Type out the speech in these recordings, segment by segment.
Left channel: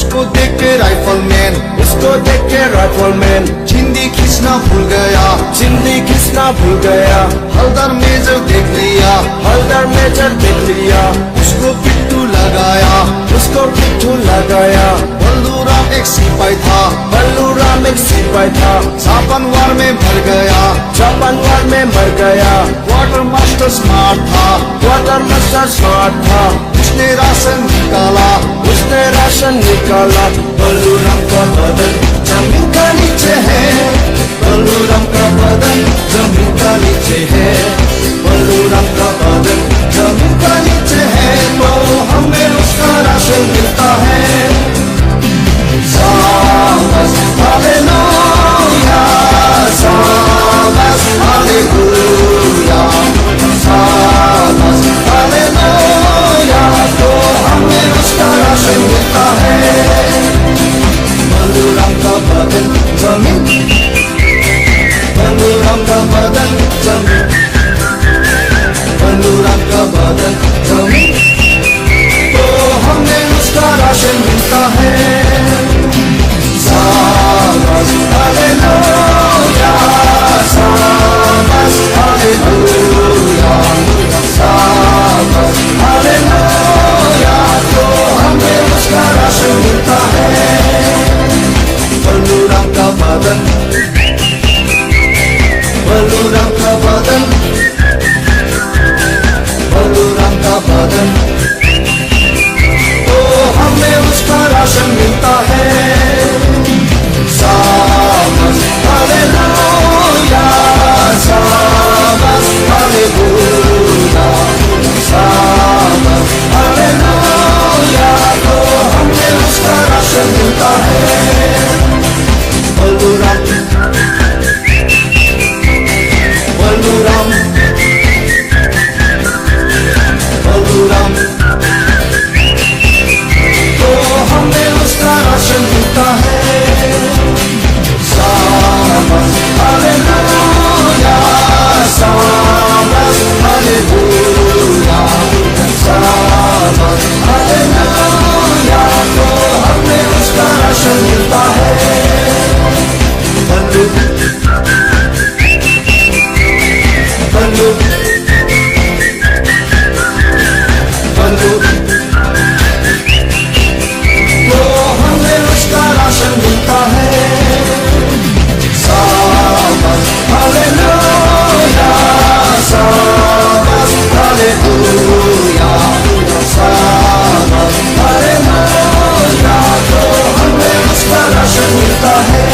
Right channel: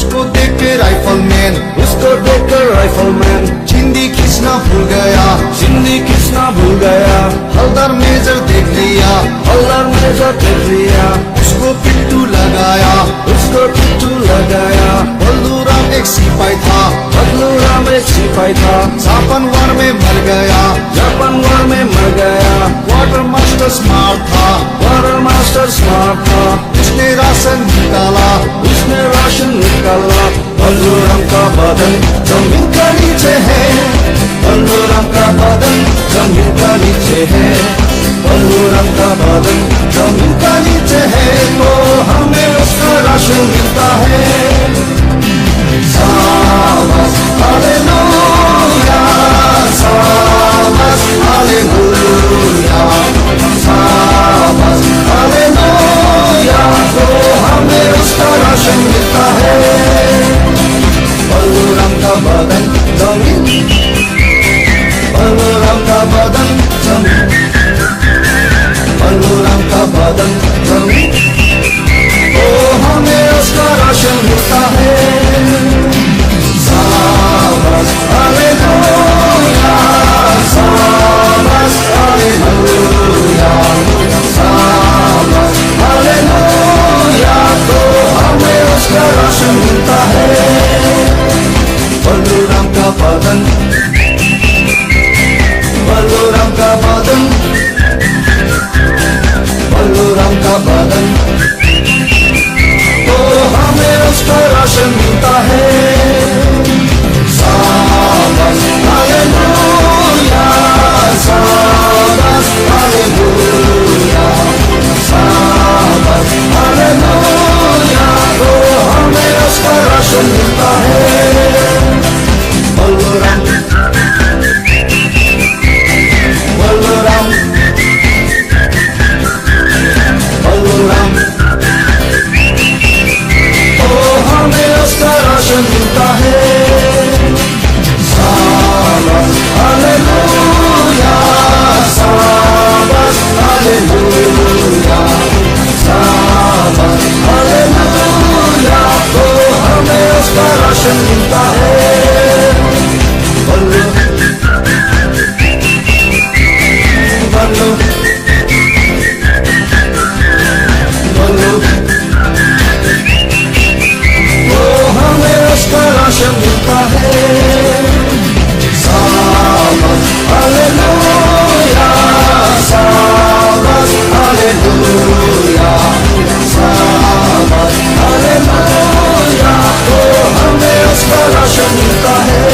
उसको देख के राइफलमैन चिंदी खींचना भूल गया हलदर मेजर देख लिया उसको पिट्टू लगाया बल्लूराम एक सिपाही था जापान वार में मर गया क्वार्टर मास्टर स्मार्ट था उसने राशन निकाला बल्लूराम का बदन जमीन का नीचे है बल्लूराम का बदन जमीन का नीचे है बल्लूराम का बदन जमीन का नीचे है तो हमें उसका राशन मिलता है शाबाश हालेलुया शाबाश हालेलुया शाबाश हालेलुया तो हमें उसका राशन मिलता है बल्लूराम का बदन जमीन बल्लूराम का बदन जमीन बल्लूराम का बदन जमीन तो हमें उसका राशन मिलता है शाबाश हालेलुया शाबाश हालेलुया शाबाश हालेलुया तो हमें उसका राशन मिलता है बल्लूराम का बदन बल्लूराम का बदन बल्लूराम का बदन तो हमें उसका राशन मिलता है शाबाश हालेलुया शाबाश हालेलुया शाबाश हालेलुया तो हमें उसका राशन मिलता है बल्लूराम बल्लूराम बल्लूराम तो हमें उसका राशन मिलता है शाबाश हालेलुया शाबाश हालेलुया शाबाश हालेलुया तो हमें उसका राशन मिलता है बल्लू बल्लू बल्लू तो हमें उसका राशन मिलता है शाबाश हालेलुया शाबाश हालेलुया शाबाश हालेलुया तो हमें उसका राशन मिलता है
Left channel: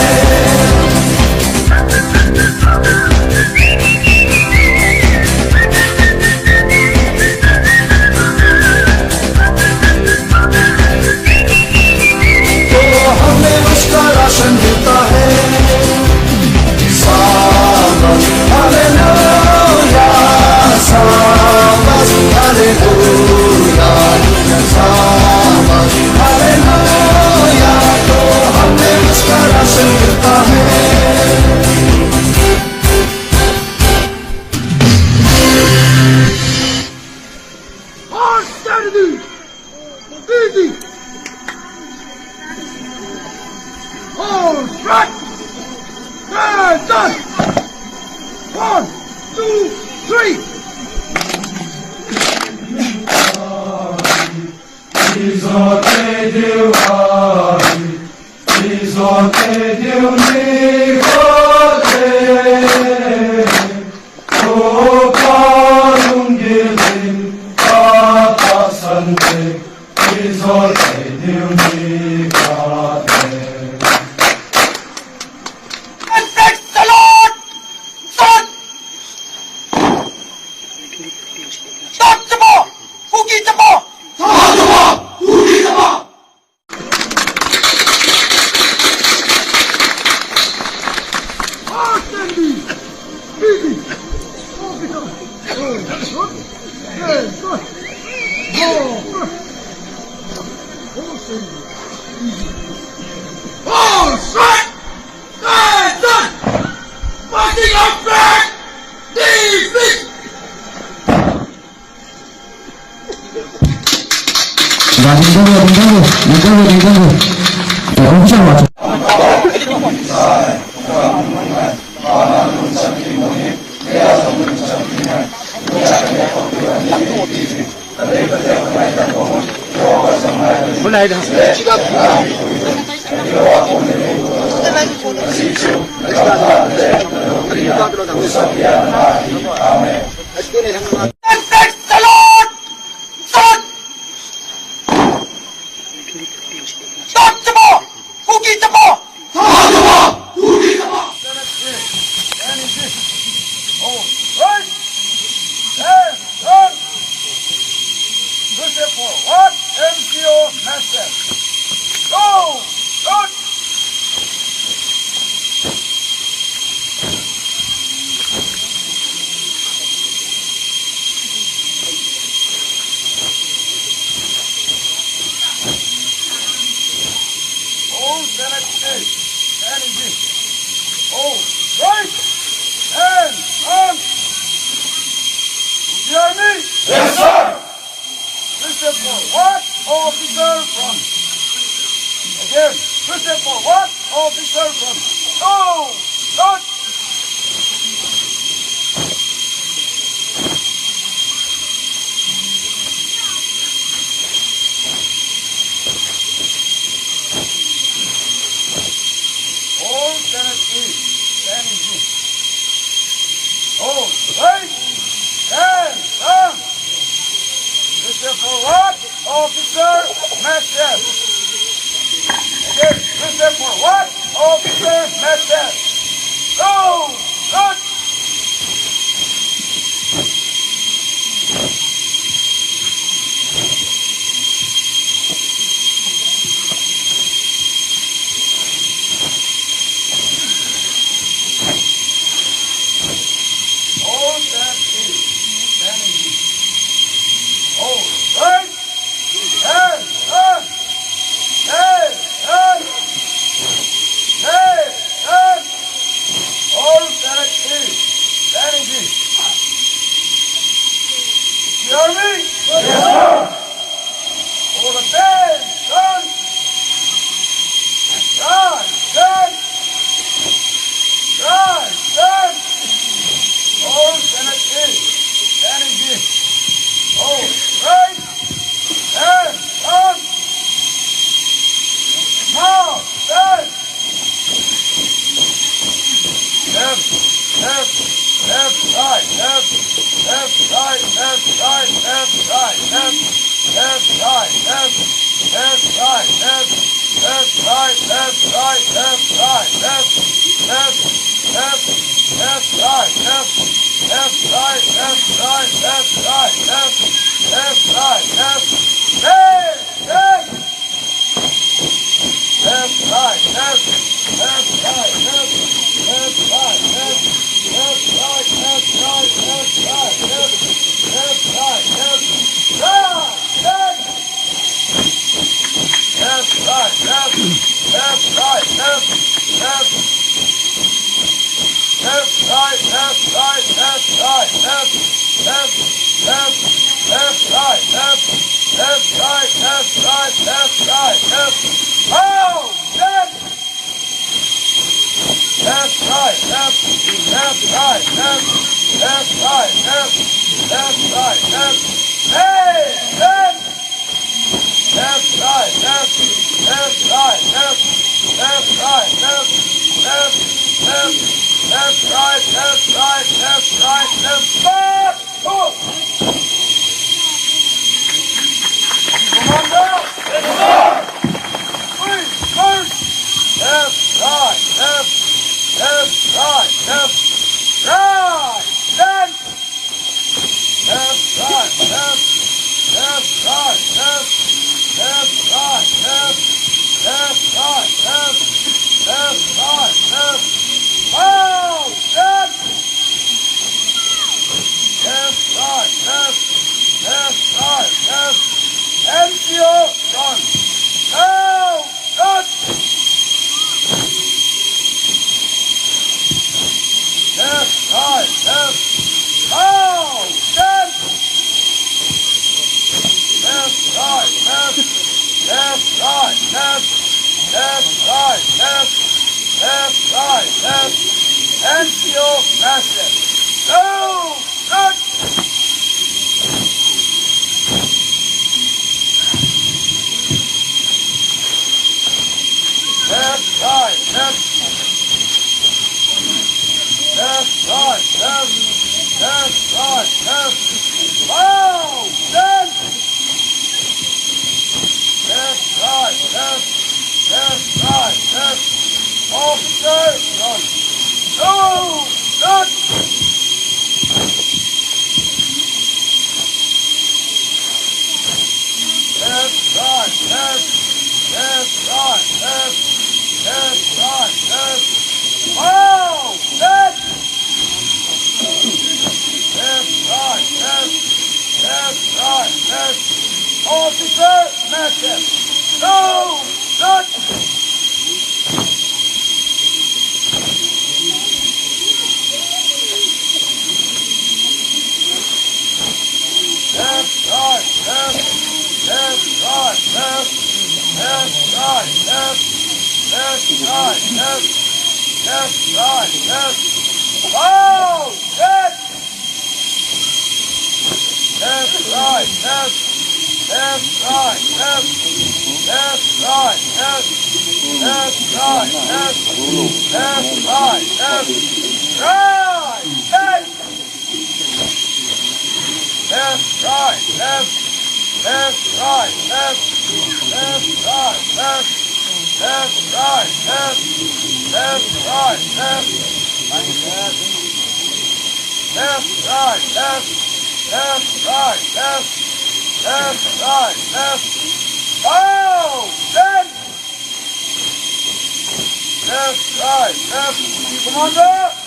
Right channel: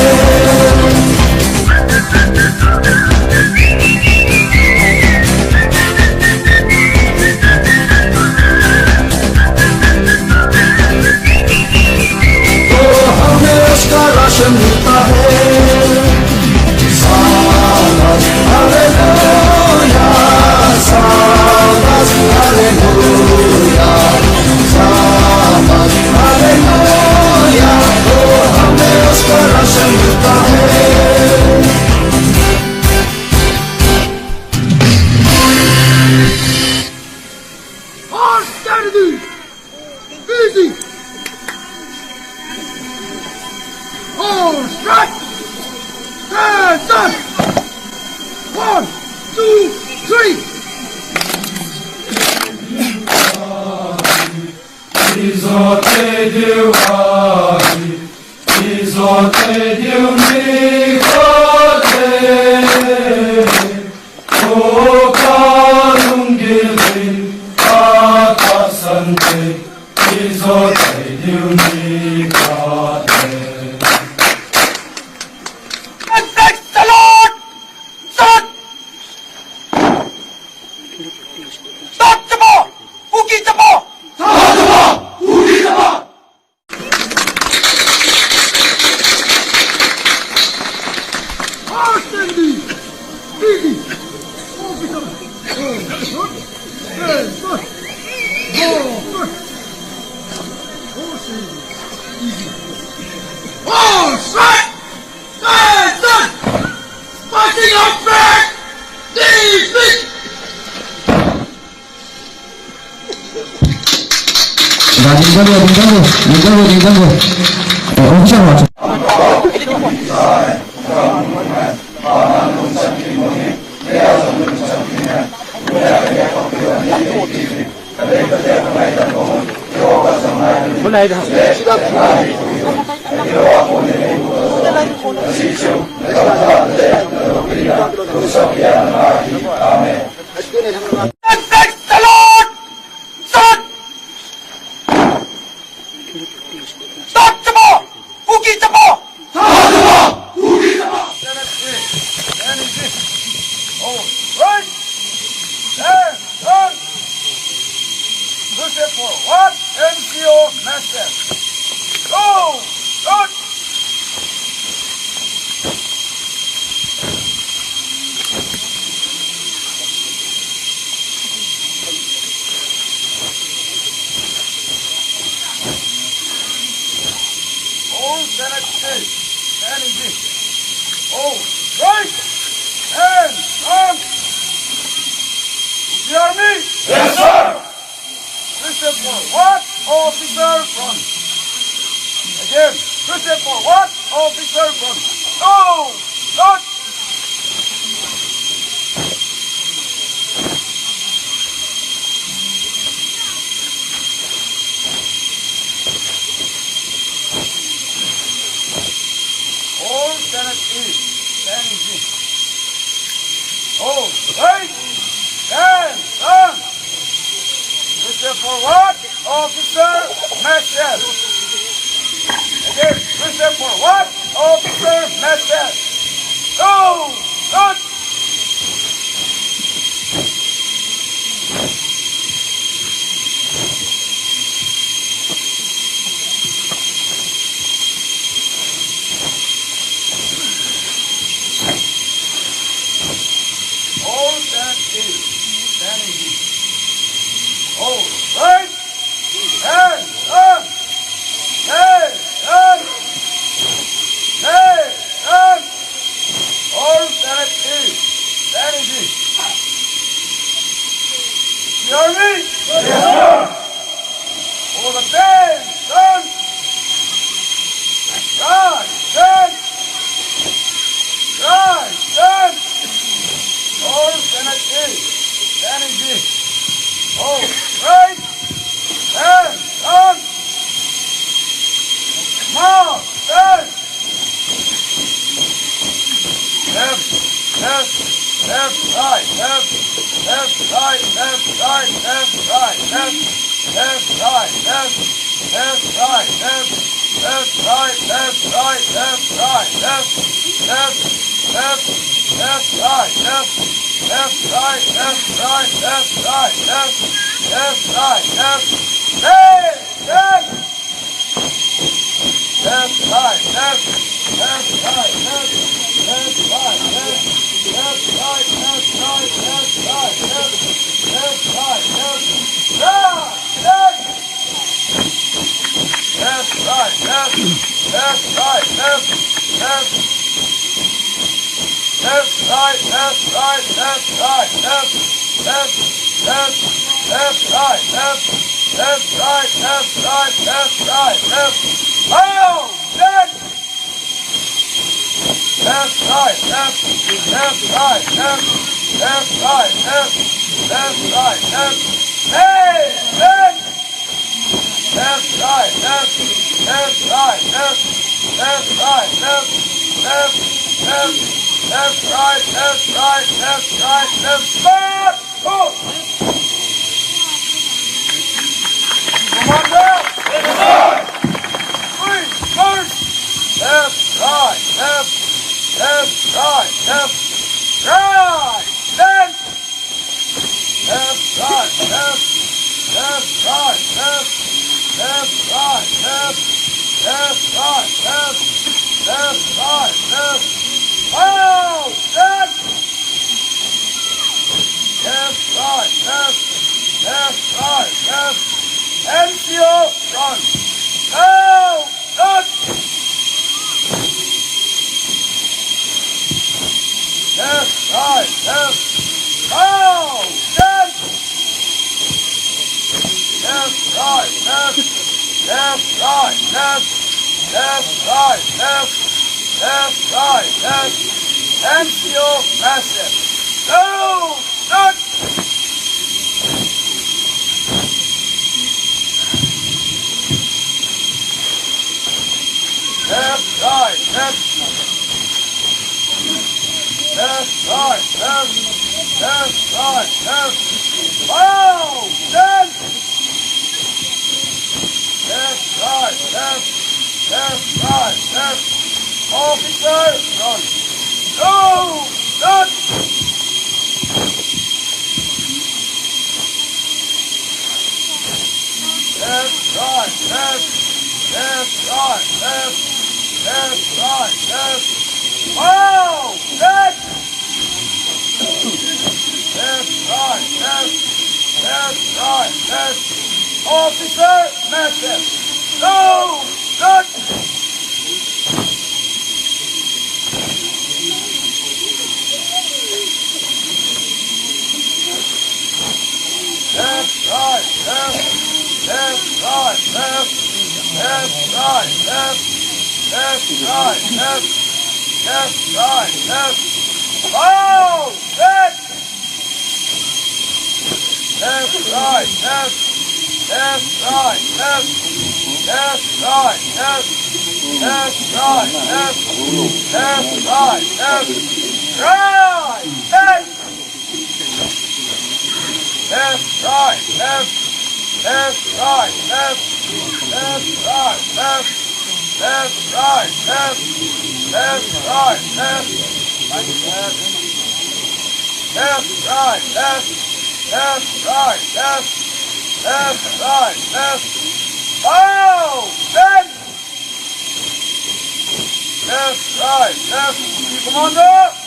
राशन मिलता है शाबाश हालेलुया शाबाश हालेलुया शाबाश हालेलुया तो हमें उसका राशन मिलता है Easy. Hold, strike! Stand up! 1, 2, 3! strike! Stand, stand! Fighting out back! Defeat! left, right, left, right, left, NCO massive, go, good. Left, right, left, right, left, right, left, wow, then, left, right, left, officer, run, go, good, left, right, left, wow, then, left, right, left, officer, massive, go, good, left, right, oh, good, left, right, oh, then, left, right, commander, yes,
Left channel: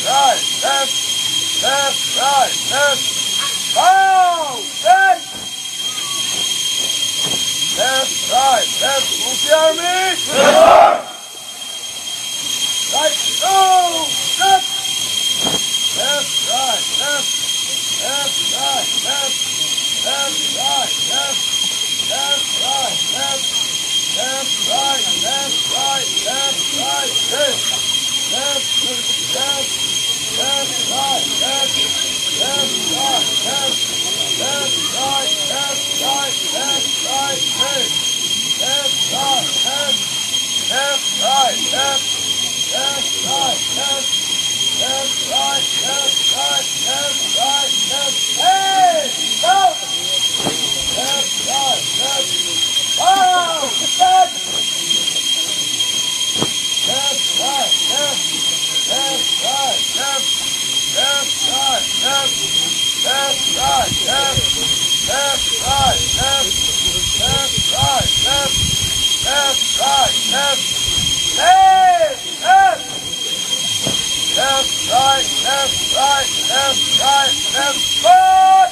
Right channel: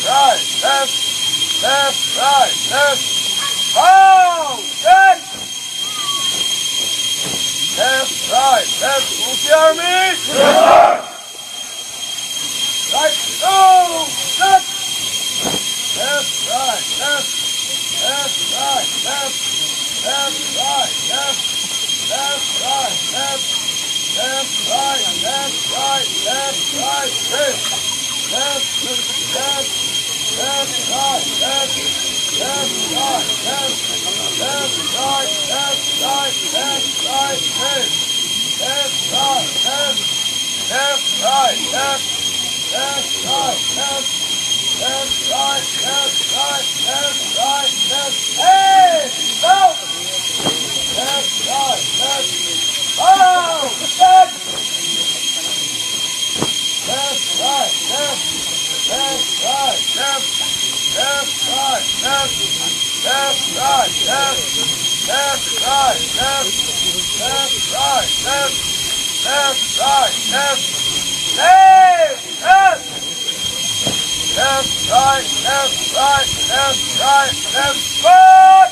sir. Aye, right, left, right, move the army. Yes, sir. Right, go, left, right, hey, go, oh, left, left, right, left,